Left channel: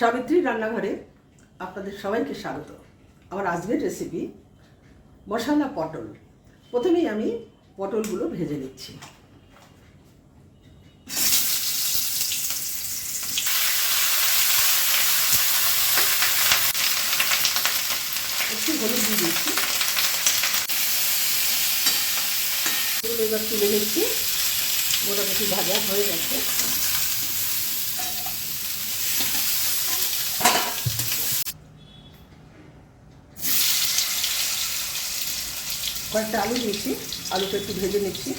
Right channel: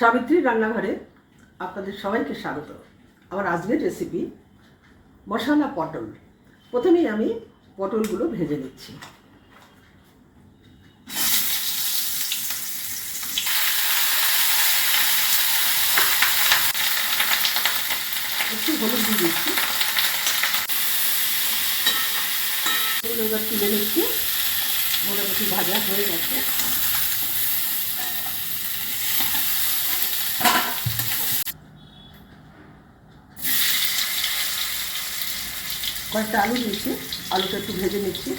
সাবিত্রী রান্নাঘরে আপনাদের সবাইকে স্বাগত। আমার আজকের রেসিপি মশলা পটল। প্রথমেই আমি পটলগুলো ভেজে নিচ্ছি। একটু হলুদ দিয়ে দিচ্ছি। এবার তুলে নিচ্ছি। মোটামুটি ভাজা হয়ে গেছে। কয়েকটা আলু দিয়েছি আলুটা একটু ভেজে নিচ্ছি।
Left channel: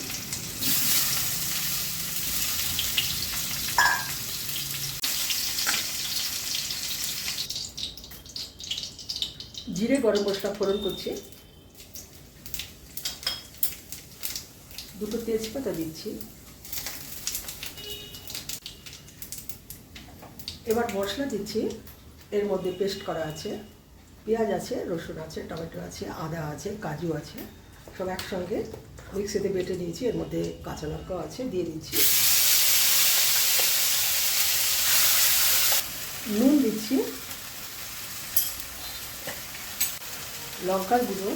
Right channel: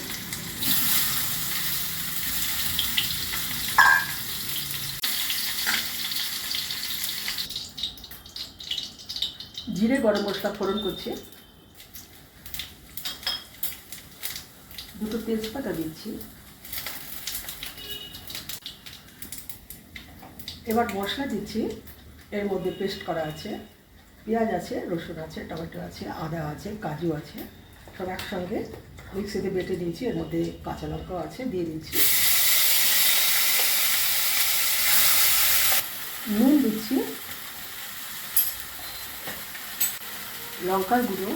জিরে, গরম মশলা ফোড়ন করছি। দুটো তেজপাতা দিচ্ছি। এবার মশলা দিচ্ছি, এর মধ্যে পেস্ট করা আছে। পেঁয়াজ আছে, রসুন আছে, টমেটো আছে, আদা আছে, কাজু আছে। সব একসঙ্গে মিক্সিতে বেটে নিয়েছি, এর মধ্যে কাঁচা লঙ্কাও আছে, দিয়ে দিচ্ছি। নুন দিচ্ছি। লঙ্কার গুঁড়ো।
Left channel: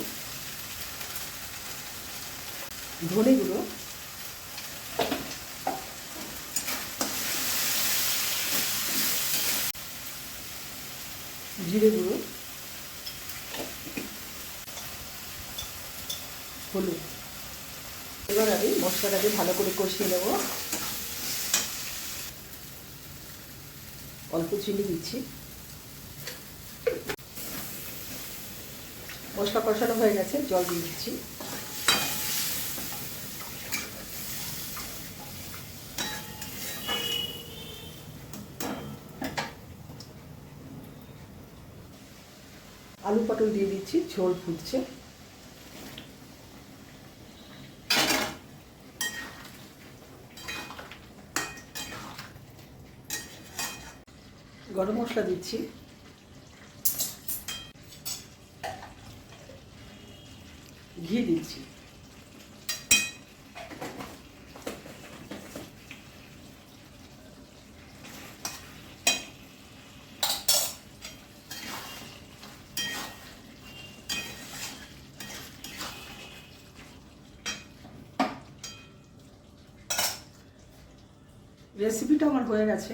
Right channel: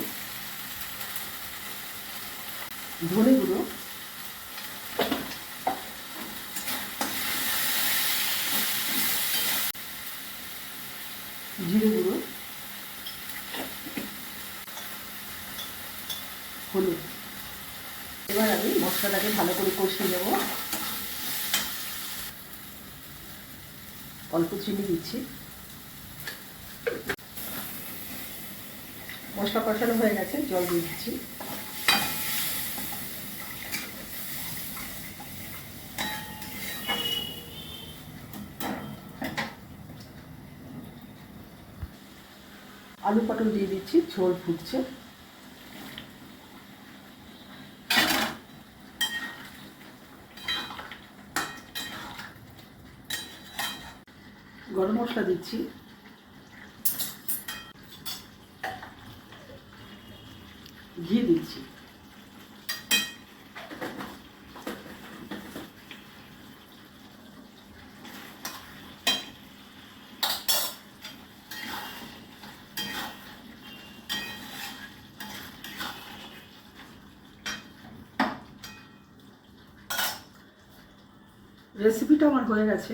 ধনে গুঁড়ো। জিরে গুঁড়ো। হলুদ। এবার আমি মশলাটাকে ভালো করে কষিয়ে নেব। অল্প চিনি দিচ্ছি। মশলা কষানো হয়ে গেছে, জল দিয়ে দিচ্ছি। আলু পটল দিয়ে দিচ্ছি, ঝোল ফুটছে। গরম মশলা দিচ্ছি। ঘি দিচ্ছি। রেসিপিটা আমার হয়ে গেছে।